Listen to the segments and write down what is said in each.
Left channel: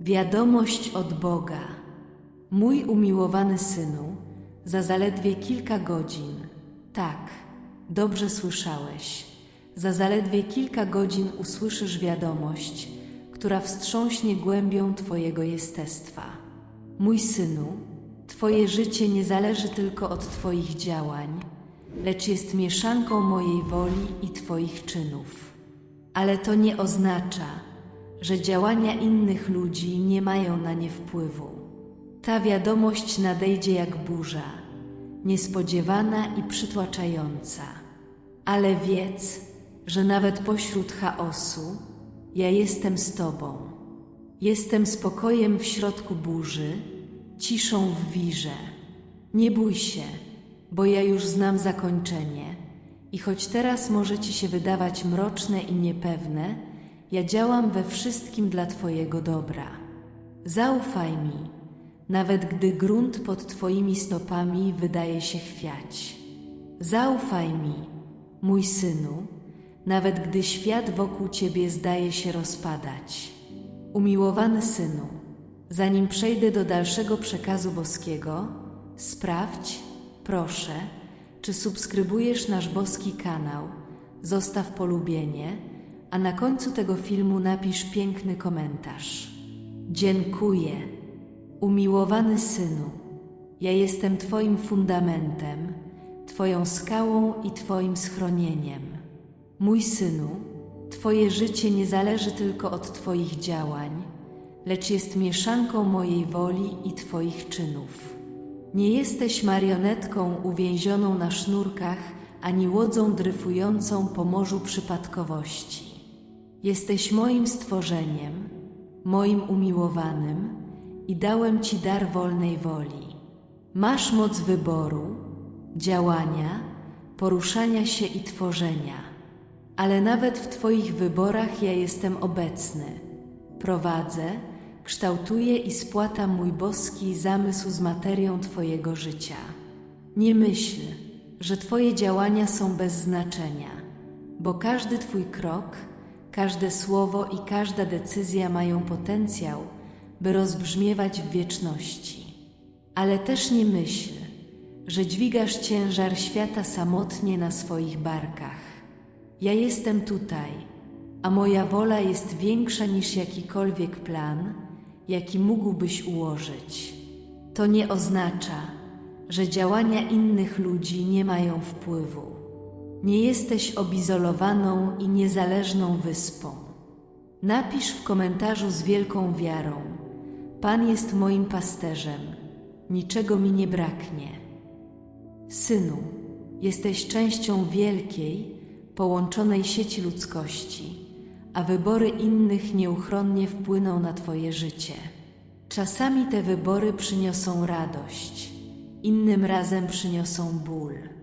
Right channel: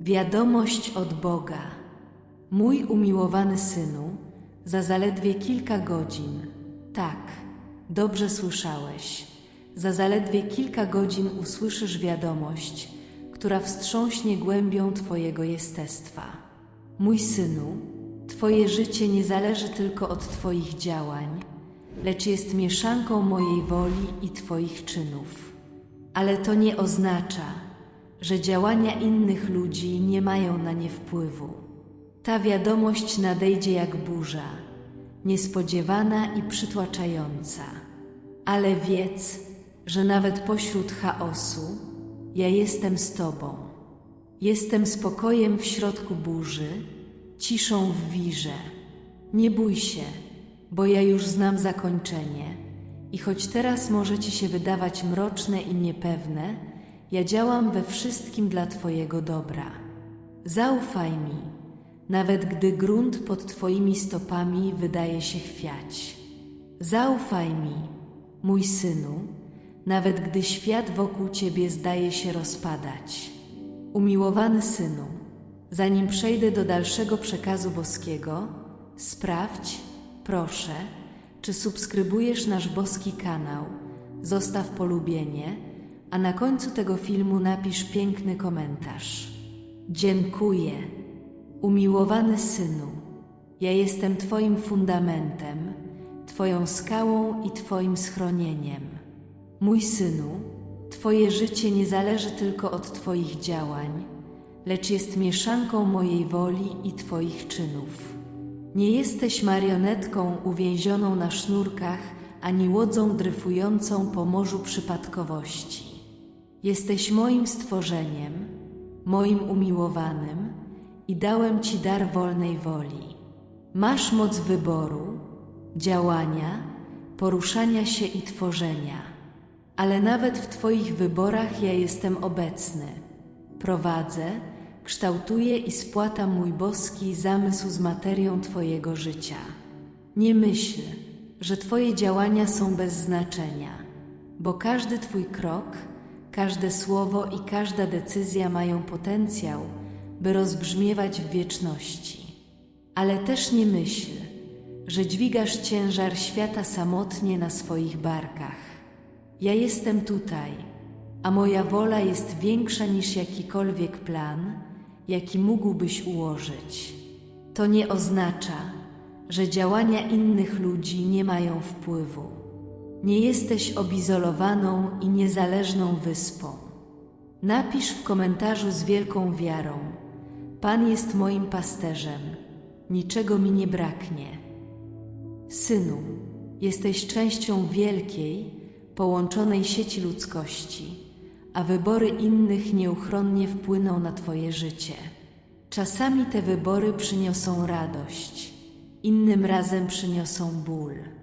Wiadomość od Boga. Mój umiłowany synu, za zaledwie kilka godzin, tak, dobrze słyszałeś, za zaledwie kilka godzin usłyszysz wiadomość, która wstrząśnie głębią Twojego jestestwa. Mój synu, Twoje życie nie zależy tylko od Twoich działań, lecz jest mieszanką mojej woli i Twoich czynów. Ale to nie oznacza, że działania innych ludzi nie mają na nie wpływu. Ta wiadomość nadejdzie jak burza, niespodziewana i przytłaczająca. Ale wiedz, że nawet pośród chaosu ja jestem z Tobą. Jestem spokojem w środku burzy, ciszą w wirze. Nie bój się, bo ja już znam zakończenie. I choć teraz może Ci się wydawać mroczne i niepewne, ja działam we wszystkim dla Twojego dobra. Zaufaj mi, nawet gdy grunt pod Twoimi stopami wydaje się chwiać. Zaufaj mi, mój synu, nawet gdy świat wokół Ciebie zdaje się rozpadać. Umiłowany synu, zanim przejdę do dalszego przekazu boskiego, sprawdź, proszę, czy subskrybujesz nasz boski kanał, zostaw polubienie, a na końcu tego filmu napisz piękny komentarz. Dziękuję, umiłowany synu. Ja jestem Twoim fundamentem, Twoją skałą i Twoim schronieniem. Mój synu, Twoje życie nie zależy tylko od Twoich działań, lecz jest mieszanką mojej woli i Twoich czynów. Nie jesteś marionetką uwięzioną na sznurkach, ani łodzą dryfującą po morzu przypadkowości. Jesteś moim stworzeniem, moim umiłowanym i dałem Ci dar wolnej woli. Masz moc wyboru, działania, poruszania się i tworzenia, ale nawet w Twoich wyborach ja jestem obecny. Prowadzę, kształtuję i spłatam mój boski zamysł z materią Twojego życia. Nie myśl, że Twoje działania są bez znaczenia, bo każdy Twój krok, każde słowo i każda decyzja mają potencjał, by rozbrzmiewać w wieczności. Ale też nie myśl, że dźwigasz ciężar świata samotnie na swoich barkach. Ja jestem tutaj, a moja wola jest większa niż jakikolwiek plan, jaki mógłbyś ułożyć. To nie oznacza, że działania innych ludzi nie mają wpływu. Nie jesteś obizolowaną i niezależną wyspą. Napisz w komentarzu z wielką wiarą: Pan jest moim pasterzem, niczego mi nie braknie. Synu, jesteś częścią wielkiej, połączonej sieci ludzkości, a wybory innych nieuchronnie wpłyną na Twoje życie. Czasami te wybory przyniosą radość, innym razem przyniosą ból.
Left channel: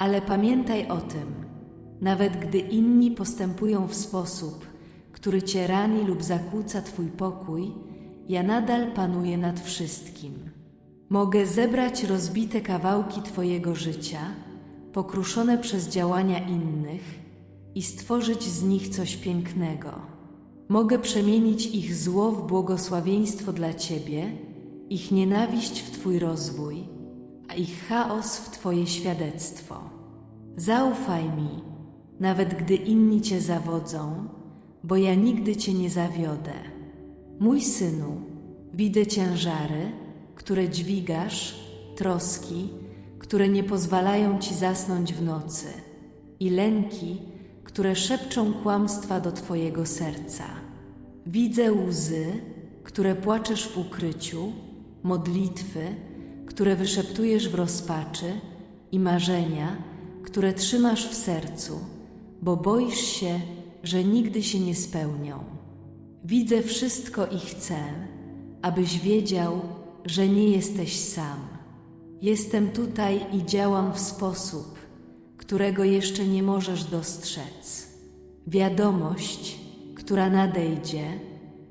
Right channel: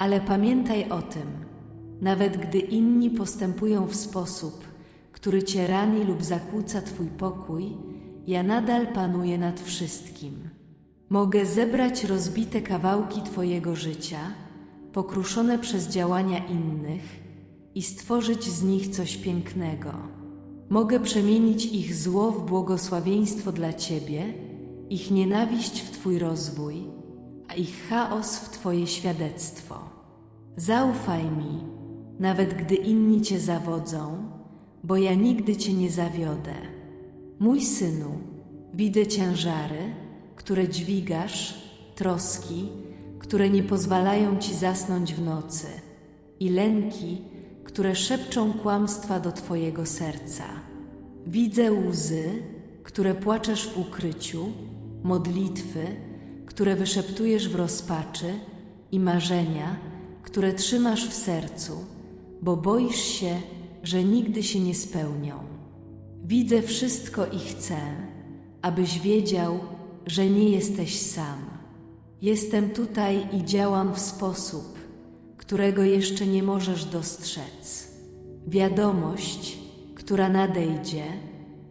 Ale pamiętaj o tym, nawet gdy inni postępują w sposób, który Cię rani lub zakłóca Twój pokój, ja nadal panuję nad wszystkim. Mogę zebrać rozbite kawałki Twojego życia, pokruszone przez działania innych i stworzyć z nich coś pięknego. Mogę przemienić ich zło w błogosławieństwo dla Ciebie, ich nienawiść w Twój rozwój, a ich chaos w Twoje świadectwo. Zaufaj mi, nawet gdy inni Cię zawodzą, bo ja nigdy Cię nie zawiodę. Mój synu, widzę ciężary, które dźwigasz, troski, które nie pozwalają ci zasnąć w nocy, i lęki, które szepczą kłamstwa do Twojego serca. Widzę łzy, które płaczesz w ukryciu, modlitwy, które wyszeptujesz w rozpaczy i marzenia, które trzymasz w sercu, bo boisz się, że nigdy się nie spełnią. Widzę wszystko i chcę, abyś wiedział, że nie jesteś sam. Jestem tutaj i działam w sposób, którego jeszcze nie możesz dostrzec. Wiadomość, która nadejdzie,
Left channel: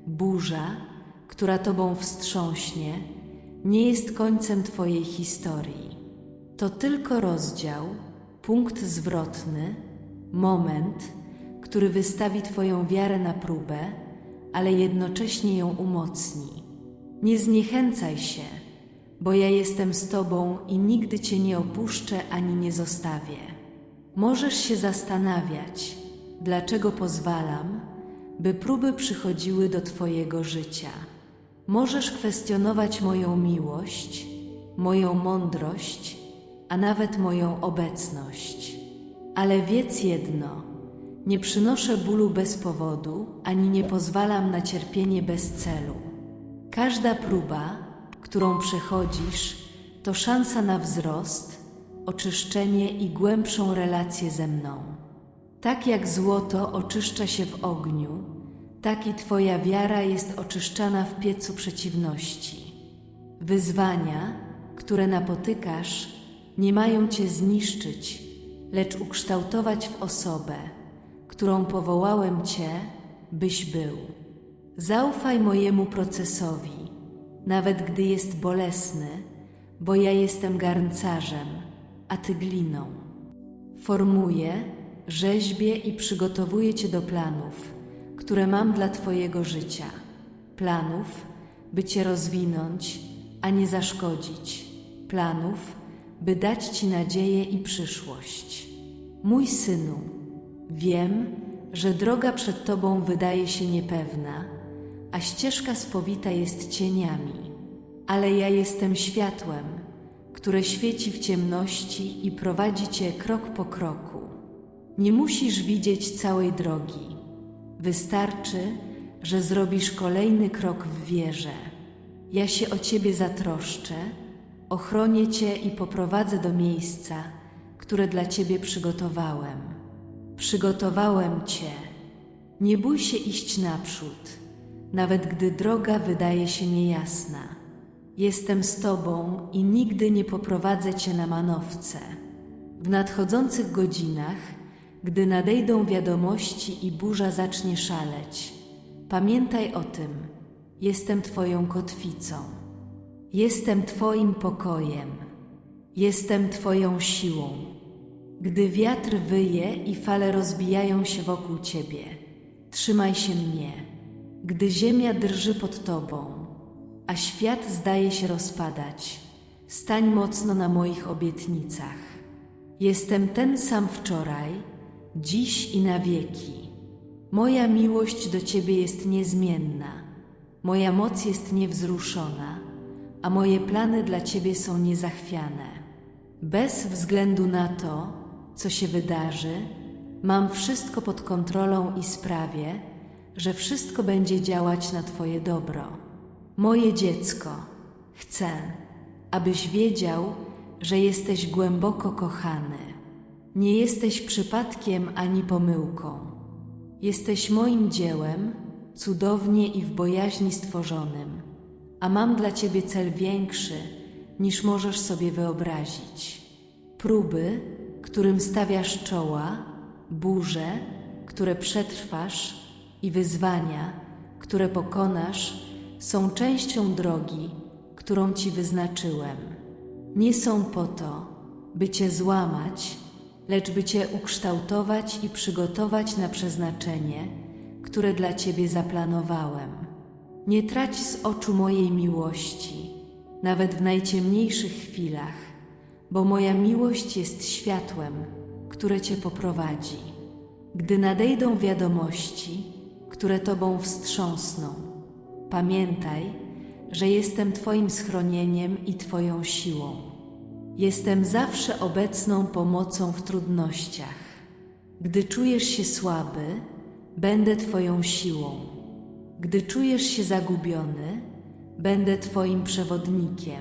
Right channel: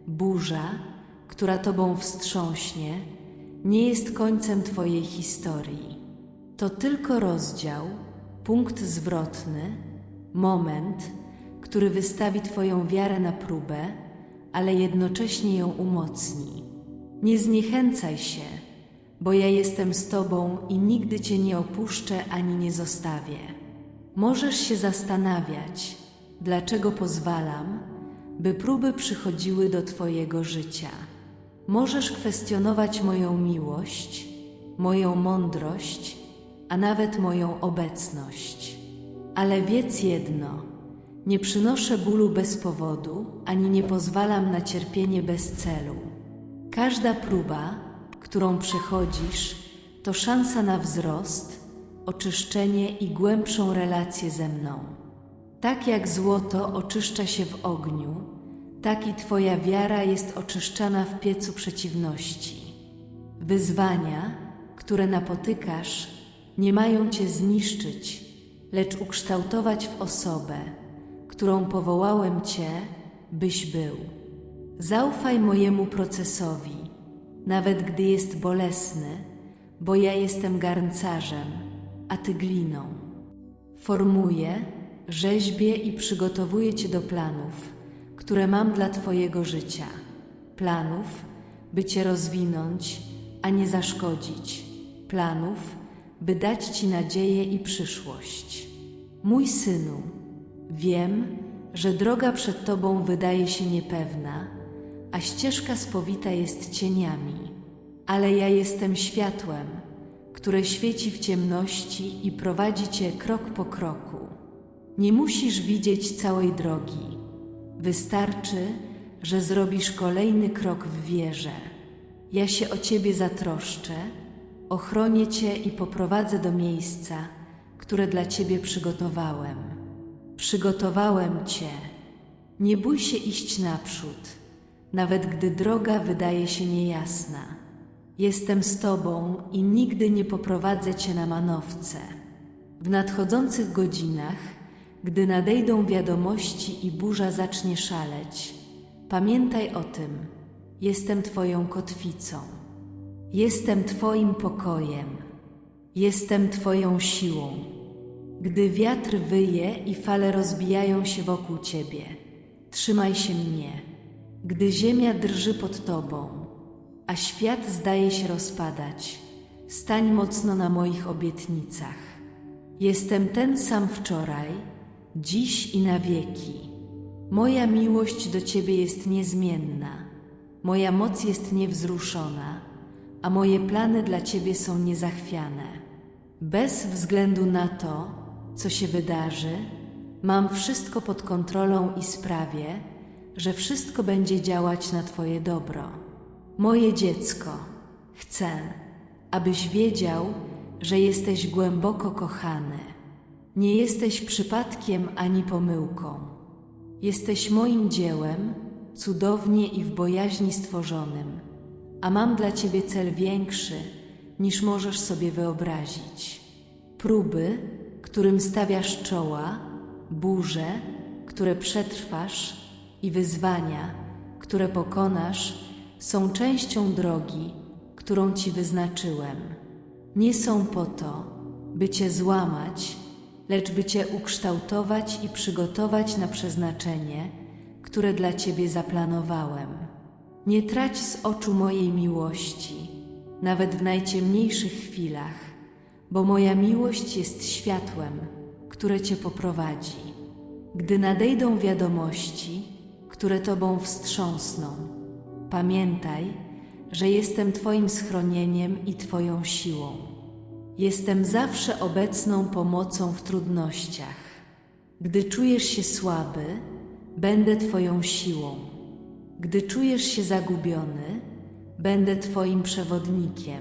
burza, która tobą wstrząśnie, nie jest końcem Twojej historii. To tylko rozdział, punkt zwrotny, moment, który wystawi Twoją wiarę na próbę, ale jednocześnie ją umocni. Nie zniechęcaj się, bo ja jestem z Tobą i nigdy Cię nie opuszczę ani nie zostawię. Możesz się zastanawiać, dlaczego pozwalam, by próby przychodziły do Twojego życia. Możesz kwestionować moją miłość, moją mądrość, a nawet moją obecność. Ale wiedz jedno: nie przynoszę bólu bez powodu, ani nie pozwalam na cierpienie bez celu. Każda próba, którą przechodzisz, to szansa na wzrost, oczyszczenie i głębszą relację ze mną. Tak jak złoto oczyszcza się w ogniu, tak i Twoja wiara jest oczyszczana w piecu przeciwności. Wyzwania, które napotykasz, nie mają Cię zniszczyć, lecz ukształtować w osobę, którą powołałem Cię, byś był. Zaufaj mojemu procesowi, nawet gdy jest bolesny, bo ja jestem garncarzem, a Ty gliną. Formuję, rzeźbię i przygotowuję Cię do planów, które mam dla Twojego życia. Planów, by Cię rozwinąć, a nie zaszkodzić. Planów, by dać Ci nadzieję i przyszłość. Mój synu, wiem, że droga przed Tobą wydaje się niepewna, a ścieżka spowita jest cieniami, ale ja jestem światłem, które świeci w ciemności i prowadzi Cię krok po kroku. Nie musisz widzieć całej drogi. Wystarczy, że zrobisz kolejny krok w wierze. Ja się o Ciebie zatroszczę, ochronię Cię i poprowadzę do miejsca, które dla Ciebie przygotowałem. Przygotowałem Cię. Nie bój się iść naprzód, nawet gdy droga wydaje się niejasna. Jestem z Tobą i nigdy nie poprowadzę Cię na manowce. W nadchodzących godzinach, gdy nadejdą wiadomości i burza zacznie szaleć, pamiętaj o tym. Jestem Twoją kotwicą. Jestem Twoim pokojem. Jestem Twoją siłą. Gdy wiatr wyje i fale rozbijają się wokół Ciebie, trzymaj się mnie. Gdy ziemia drży pod Tobą, a świat zdaje się rozpadać, stań mocno na moich obietnicach. Jestem ten sam wczoraj, dziś i na wieki. Moja miłość do Ciebie jest niezmienna, moja moc jest niewzruszona, a moje plany dla Ciebie są niezachwiane. Bez względu na to, co się wydarzy, mam wszystko pod kontrolą i sprawię, że wszystko będzie działać na Twoje dobro. Moje dziecko, chcę, abyś wiedział, że jesteś głęboko kochany. Nie jesteś przypadkiem ani pomyłką. Jesteś moim dziełem, cudownie i w bojaźni stworzonym, a mam dla Ciebie cel większy, niż możesz sobie wyobrazić. Próby, którym stawiasz czoła, burze, które przetrwasz i wyzwania, które pokonasz, są częścią drogi, którą Ci wyznaczyłem. Nie są po to, by Cię złamać, lecz by Cię ukształtować i przygotować na przeznaczenie, które dla Ciebie zaplanowałem. Nie trać z oczu mojej miłości, nawet w najciemniejszych chwilach, bo moja miłość jest światłem, które Cię poprowadzi. Gdy nadejdą wiadomości, które Tobą wstrząsną, pamiętaj, że jestem Twoim schronieniem i Twoją siłą. Jestem zawsze obecną pomocą w trudnościach. Gdy czujesz się słaby, będę Twoją siłą. Gdy czujesz się zagubiony, będę Twoim przewodnikiem.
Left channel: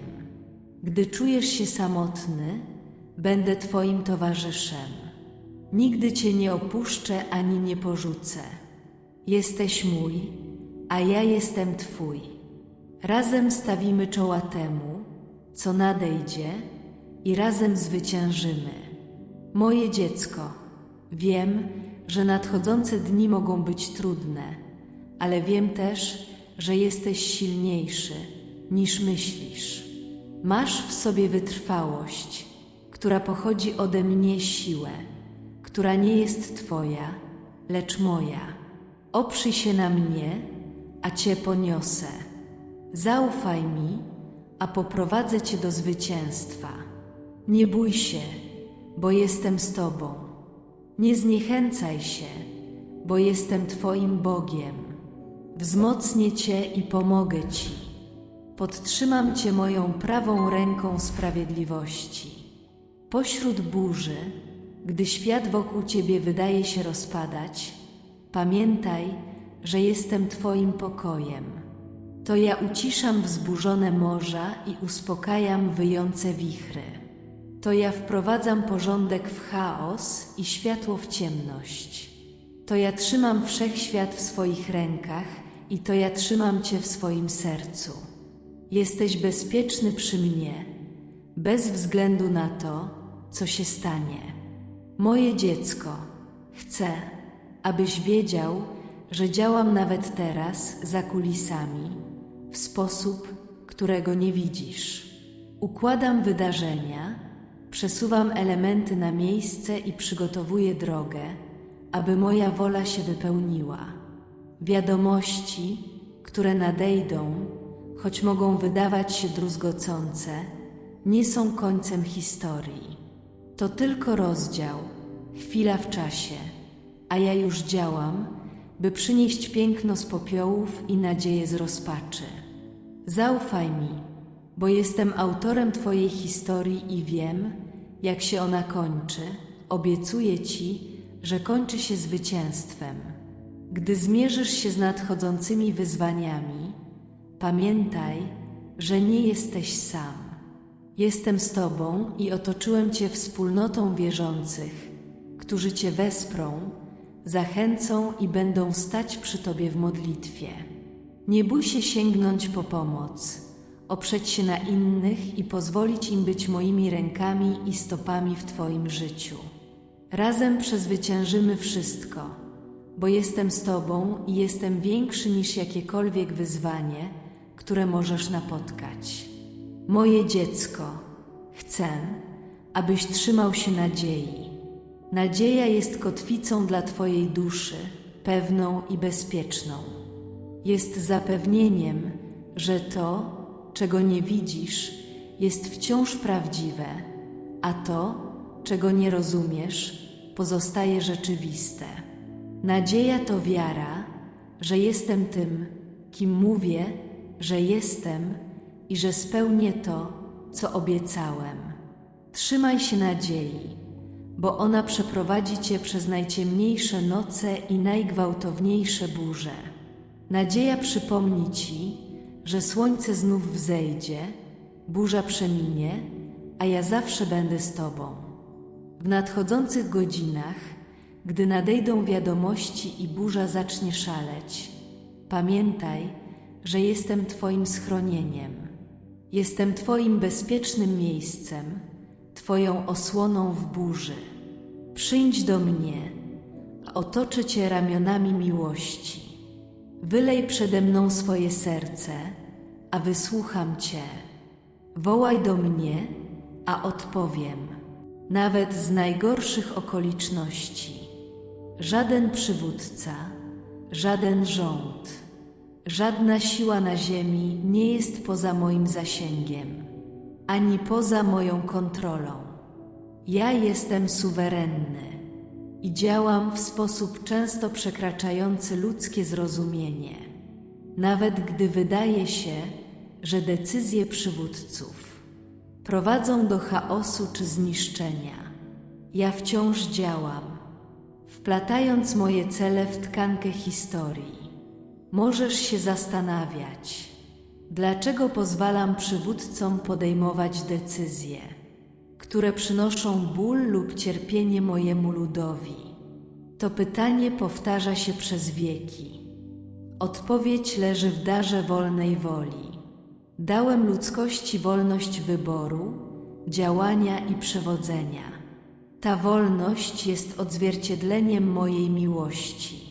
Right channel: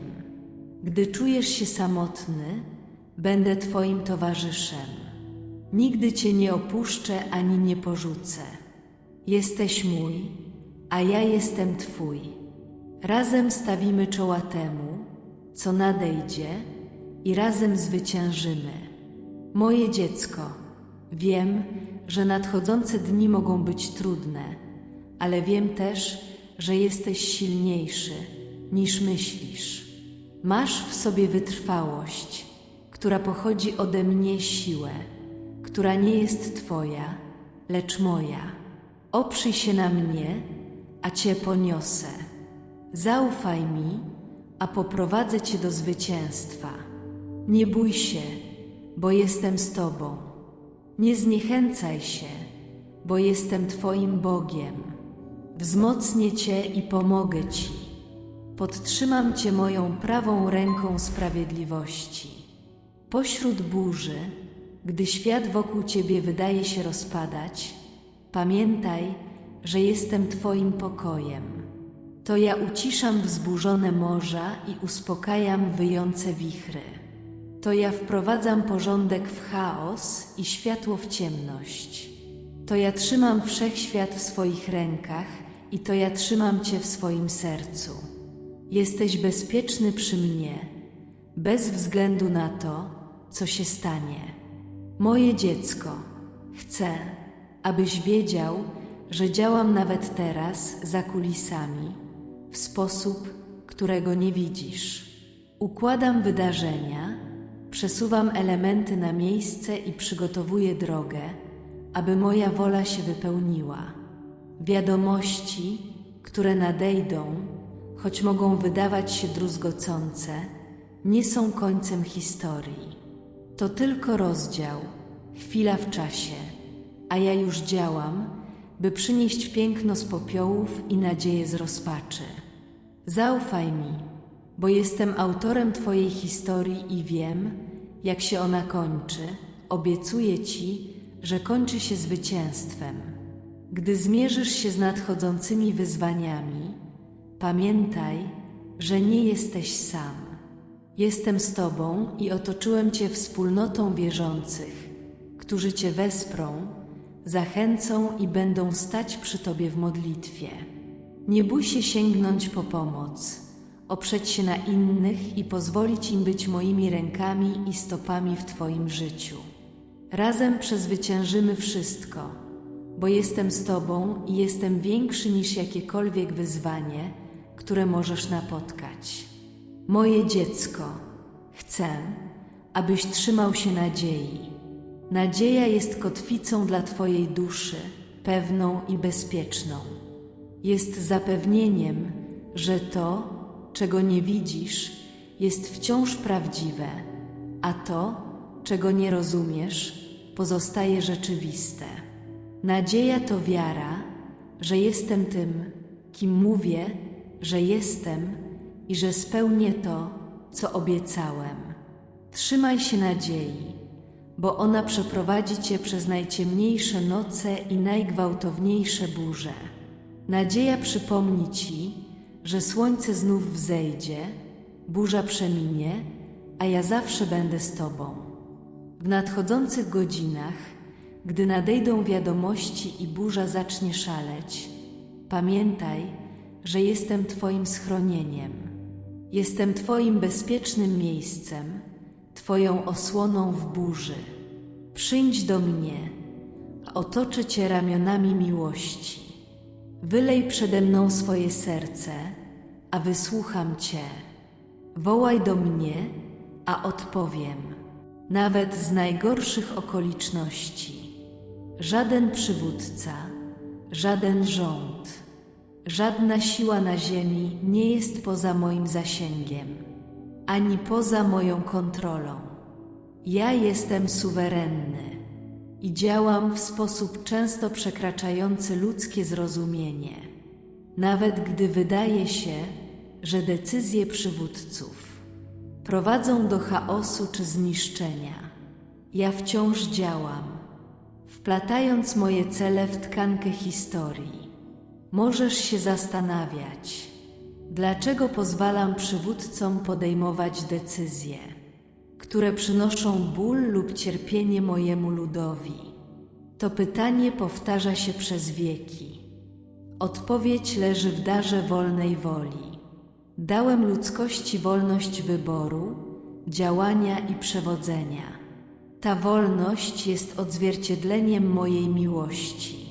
Gdy czujesz się samotny, będę Twoim towarzyszem. Nigdy Cię nie opuszczę ani nie porzucę. Jesteś mój, a ja jestem Twój. Razem stawimy czoła temu, co nadejdzie i razem zwyciężymy. Moje dziecko, wiem, że nadchodzące dni mogą być trudne, ale wiem też, że jesteś silniejszy niż myślisz. Masz w sobie wytrwałość, która pochodzi ode mnie siłę, która nie jest Twoja, lecz moja. Oprzyj się na mnie, a Cię poniosę. Zaufaj mi, a poprowadzę Cię do zwycięstwa. Nie bój się, bo jestem z Tobą. Nie zniechęcaj się, bo jestem Twoim Bogiem. Wzmocnię Cię i pomogę Ci. Podtrzymam Cię moją prawą ręką sprawiedliwości. Pośród burzy, gdy świat wokół Ciebie wydaje się rozpadać, pamiętaj, że jestem Twoim pokojem. To ja uciszam wzburzone morza i uspokajam wyjące wichry. To ja wprowadzam porządek w chaos i światło w ciemność. To ja trzymam wszechświat w swoich rękach i to ja trzymam Cię w swoim sercu. Jesteś bezpieczny przy mnie, bez względu na to, co się stanie. Moje dziecko, chcę, abyś wiedział, że działam nawet teraz za kulisami, w sposób, którego nie widzisz. Układam wydarzenia, przesuwam elementy na miejsce i przygotowuję drogę, aby moja wola się wypełniła. Wiadomości, które nadejdą, choć mogą wydawać się druzgocące, nie są końcem historii. To tylko rozdział, chwila w czasie, a ja już działam, by przynieść piękno z popiołów i nadzieję z rozpaczy. Zaufaj mi, bo jestem autorem Twojej historii i wiem, jak się ona kończy. Obiecuję Ci, że kończy się zwycięstwem. Gdy zmierzysz się z nadchodzącymi wyzwaniami, pamiętaj, że nie jesteś sam. Jestem z Tobą i otoczyłem Cię wspólnotą wierzących, którzy Cię wesprą, zachęcą i będą stać przy Tobie w modlitwie. Nie bój się sięgnąć po pomoc, oprzeć się na innych i pozwolić im być moimi rękami i stopami w Twoim życiu. Razem przezwyciężymy wszystko, bo jestem z Tobą i jestem większy niż jakiekolwiek wyzwanie, które możesz napotkać. Moje dziecko, chcę, abyś trzymał się nadziei. Nadzieja jest kotwicą dla Twojej duszy, pewną i bezpieczną. Jest zapewnieniem, że to, czego nie widzisz, jest wciąż prawdziwe, a to, czego nie rozumiesz, pozostaje rzeczywiste. Nadzieja to wiara, że jestem tym, kim mówię, że jestem i że spełnię to, co obiecałem. Trzymaj się nadziei, bo ona przeprowadzi cię przez najciemniejsze noce i najgwałtowniejsze burze. Nadzieja przypomni ci, że słońce znów wzejdzie, burza przeminie, a ja zawsze będę z tobą. W nadchodzących godzinach, gdy nadejdą wiadomości i burza zacznie szaleć, pamiętaj, że jestem Twoim schronieniem. Jestem Twoim bezpiecznym miejscem, Twoją osłoną w burzy. Przyjdź do mnie, a otoczę Cię ramionami miłości. Wylej przede mną swoje serce, a wysłucham Cię. Wołaj do mnie, a odpowiem, nawet z najgorszych okoliczności. Żaden przywódca, żaden rząd, żadna siła na ziemi nie jest poza moim zasięgiem, ani poza moją kontrolą. Ja jestem suwerenny i działam w sposób często przekraczający ludzkie zrozumienie, nawet gdy wydaje się, że decyzje przywódców prowadzą do chaosu czy zniszczenia. Ja wciąż działam, wplatając moje cele w tkankę historii. Możesz się zastanawiać, dlaczego pozwalam przywódcom podejmować decyzje, które przynoszą ból lub cierpienie mojemu ludowi. To pytanie powtarza się przez wieki. Odpowiedź leży w darze wolnej woli. Dałem ludzkości wolność wyboru, działania i przewodzenia. Ta wolność jest odzwierciedleniem mojej miłości,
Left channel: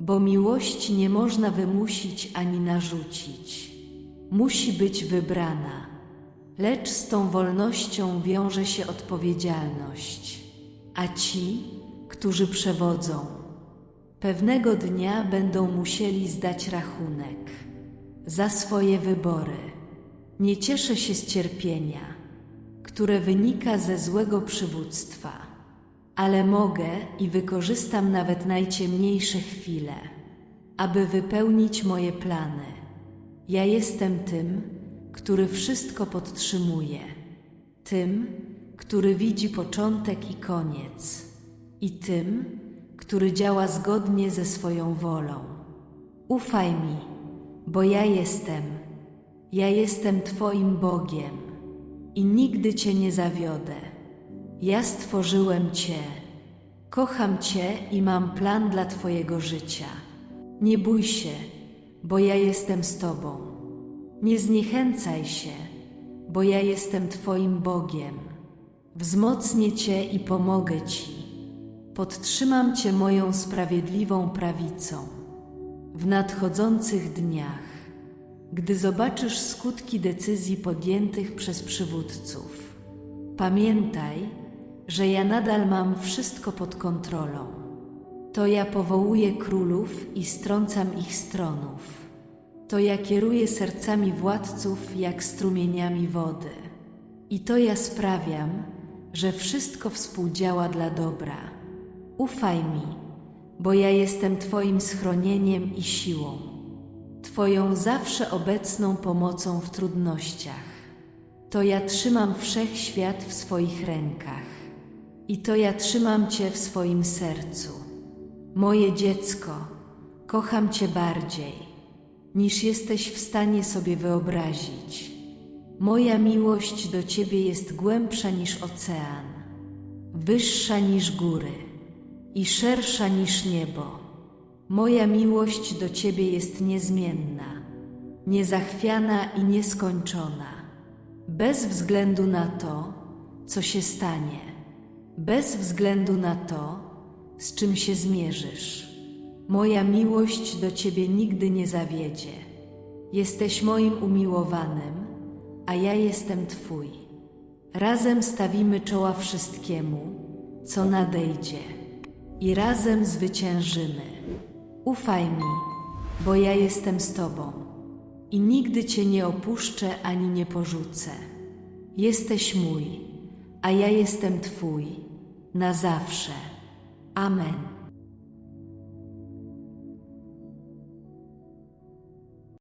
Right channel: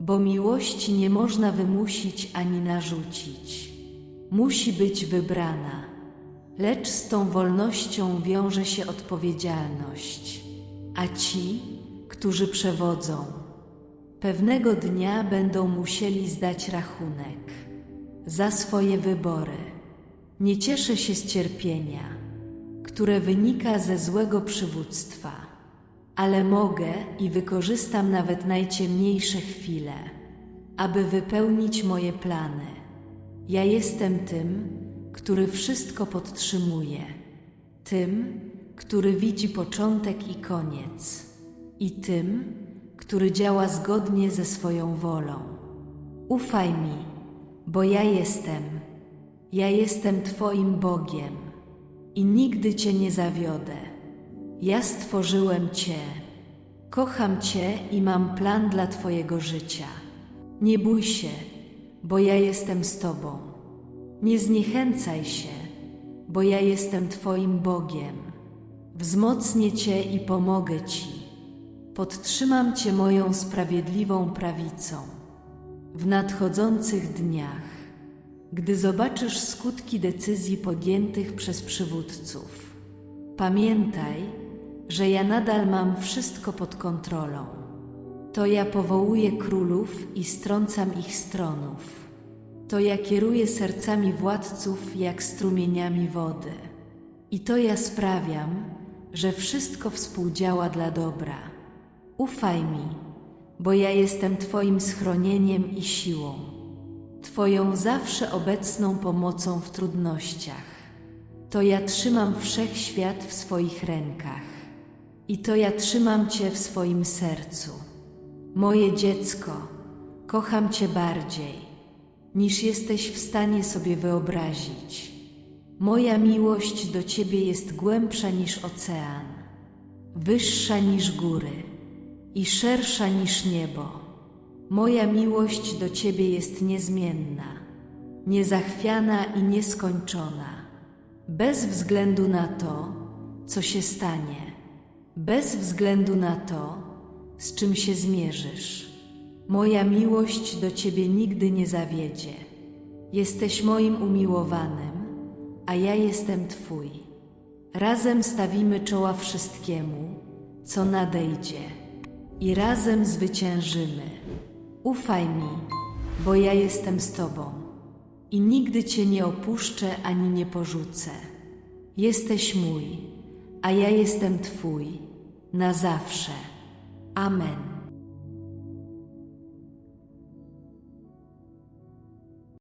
bo miłości nie można wymusić ani narzucić. Musi być wybrana, lecz z tą wolnością wiąże się odpowiedzialność. A ci, którzy przewodzą, Pewnego dnia będą musieli zdać rachunek za swoje wybory. Nie cieszę się z cierpienia, które wynika ze złego przywództwa, ale mogę i wykorzystam nawet najciemniejsze chwile, aby wypełnić moje plany. Ja jestem tym, który wszystko podtrzymuje, tym, który widzi początek i koniec, i tym, który działa zgodnie ze swoją wolą. Ufaj mi, bo ja jestem. Ja jestem Twoim Bogiem i nigdy Cię nie zawiodę. Ja stworzyłem Cię. Kocham Cię i mam plan dla Twojego życia. Nie bój się, bo ja jestem z Tobą. Nie zniechęcaj się, bo ja jestem Twoim Bogiem. Wzmocnię Cię i pomogę Ci. Podtrzymam Cię moją sprawiedliwą prawicą. W nadchodzących dniach, gdy zobaczysz skutki decyzji podjętych przez przywódców, pamiętaj, że ja nadal mam wszystko pod kontrolą. To ja powołuję królów i strącam ich stronów. To ja kieruję sercami władców jak strumieniami wody. I to ja sprawiam, że wszystko współdziała dla dobra. Ufaj mi, bo ja jestem Twoim schronieniem i siłą, Twoją zawsze obecną pomocą w trudnościach. To ja trzymam wszechświat w swoich rękach i to ja trzymam Cię w swoim sercu. Moje dziecko, kocham Cię bardziej, niż jesteś w stanie sobie wyobrazić. Moja miłość do Ciebie jest głębsza niż ocean, wyższa niż góry i szersza niż niebo. Moja miłość do Ciebie jest niezmienna, niezachwiana i nieskończona, bez względu na to, co się stanie, bez względu na to, z czym się zmierzysz. Moja miłość do Ciebie nigdy nie zawiedzie. Jesteś moim umiłowanym, a ja jestem Twój. Razem stawimy czoła wszystkiemu, co nadejdzie, i razem zwyciężymy. Ufaj mi, bo ja jestem z Tobą i nigdy Cię nie opuszczę ani nie porzucę. Jesteś mój, a ja jestem Twój, na zawsze. Amen.